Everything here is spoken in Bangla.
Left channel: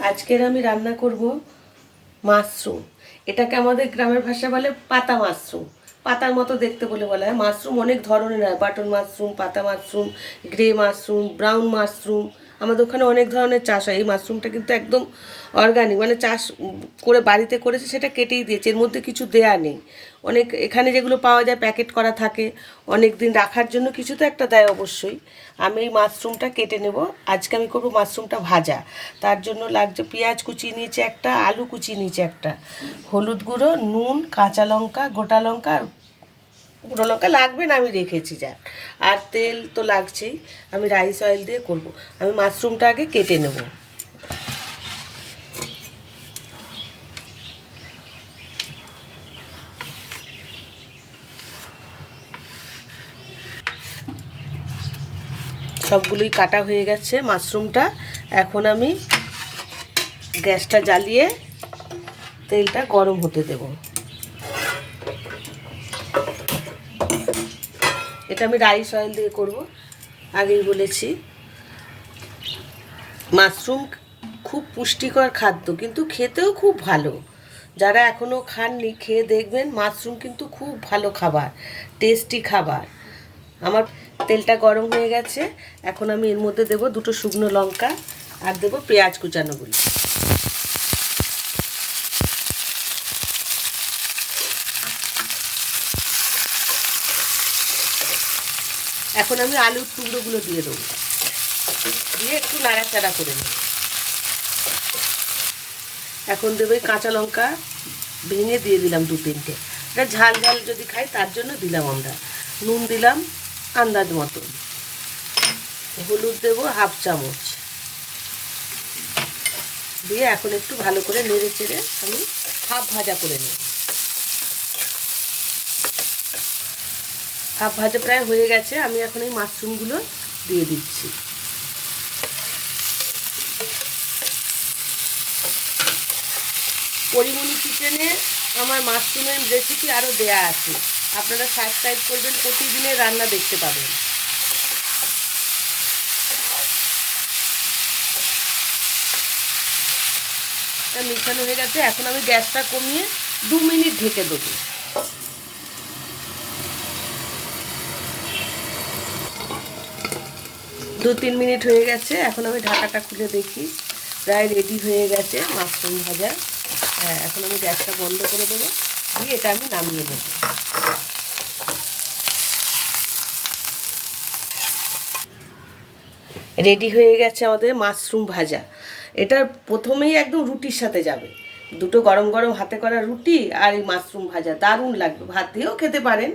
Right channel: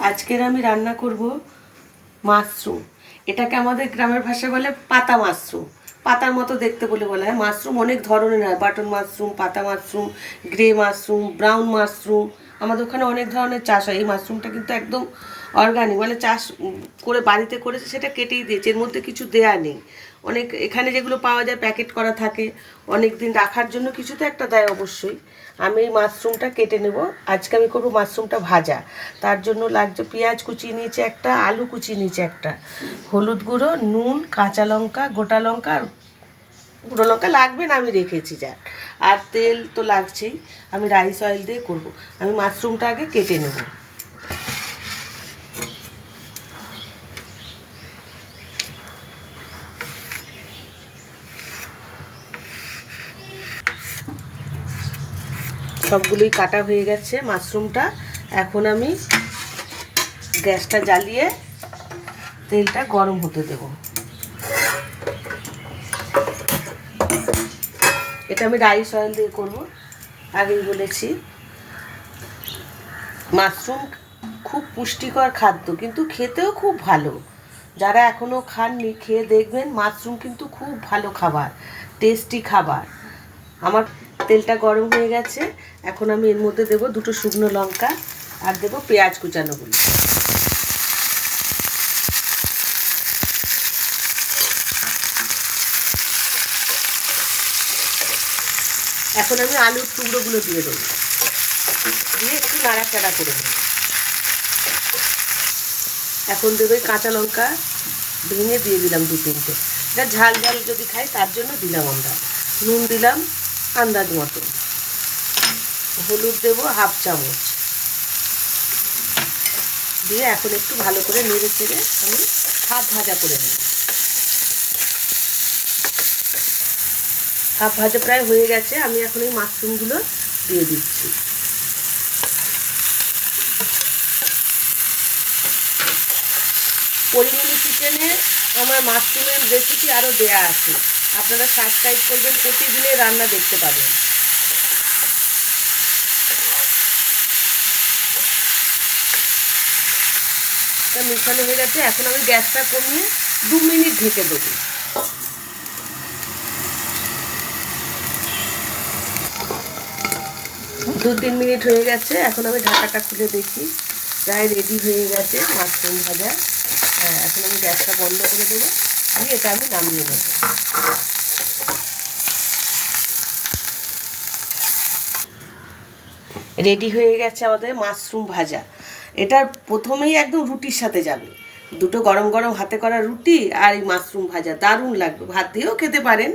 আজকের আমি রান্না করব মাশরুম। এটাকে আমাদের গ্রামের ভাষায় বলে পাতা মাশরুম। পাতার মতো দেখতে বলে বলা হয়। মাশরুম অনেক ধরনের হয়। বাটন মাশরুম, পাতা mushroom, grey mushroom, brown mushroom. আমাদের ওখানে অনেক ধরনের চাষ হয়। এই মাশরুমটা কিন্তু একদম অর্গানিক মানে চাষ করে বাড়িতে করেছে সেটা কেটেই দিয়েছে, এর মধ্যে কিছু দেয়া নেই। অনেক এখানে যেগুলো পাওয়া যায় প্যাকেট করা থাকে। অনেক দিন রাখার জন্য কিছু তো একটা দেয় অবশ্যই। আমি এই মাশরুমটা কেটে নেব। আজকে আমি করব মাশরুমটা ভাজা। তার জন্য লাগছে পেঁয়াজ কুচি নিয়েছে একটা, আলু কুচি নিয়েছে একটা। হলুদ গুঁড়ো, নুন, কাঁচা লঙ্কা, গোটা লঙ্কা আর গুঁড়ো লঙ্কা লাগবে না, আমি রেখেছি যা। আর তেল তো লাগছেই, আমি রাইস অয়েল দিয়ে করব। আমি মাশরুমটা আগে কেটে নেব। সবগুলোই কাটা হয়ে গেছে মাশরুমটা এখন আমি গ্যাসটা জ্বালিয়ে তেলটা গরম হতে দেব। এটা আমি রাইস অয়েল দিয়ে করব। আগেই বলেছি। মাশরুম খুব পুষ্টিকর খাদ্য, কিন্তু খেতেও খুব ভালো। যারা এখনও খাননি, খেয়ে দেখবেন মাশরুম কিন্তু খুব ভালো খাবার, টেস্টি খাবার। আমার তেলটা গরম হয়ে গেছে, এখন আমি এর মধ্যে দেবো দুটো শুকনো লঙ্কা আর দেবো পেঁয়াজ কুচানোগুলো। এখন আমি আলুর টুকরোগুলো দিয়ে দেবো। দিয়ে একটু নাড়াচাড়া করে নেব। এখন দেবো কাঁচা লঙ্কা ভেঙে দিয়ে দিলাম দু তিনটে। এটা ঝাল ঝাল যদি খাই, তার জন্য দিলাম আমরা। নুন দিলাম আন্দাজ মতো। হলুদ দেবো হাফ চামচ। দিয়ে এখন একটু ভালো করে নেড়ে চেড়ে আমি হাফ ভাজা করে নেব। হাফ ভাজা প্রায় হয়ে গেছে, আমি এখন এই মাশরুমগুলো দিয়ে দিচ্ছি। পরিমণি কিচেনে আমার মাশরুমের রেসিপি আরও দেয়া আছে। আপনারা সাবস্ক্রাইব করবেন, প্রতিদিনের রান্না দেখতে পাবেন। মিশানো হয়ে গেছে, এখন আমি গ্যাসটা কমিয়ে দু মিনিট ঢেকে দেবো। দু তিন মিনিট হয়ে গেছে। এখন আমি ঢাকাটা খুলে দেখি। প্রায় রেডি হয়ে গেছে মাশরুম ভাজা। হ্যাঁ এখন আমি গ্যাসটা বন্ধ করে দেবো। দিয়ে এটা আমি নামিয়ে নেব। রেডি হয়ে গেছে আমাদের মাশরুম ভাজা। এটা প্রথমেই একদম রুটির সাথে যাবে। দুটো গরম গরম হাতে করা রুটি আর এই মাশরুম ভাজা। দারুণ লাগবে। ভাত দিয়েও খেতে পারেন।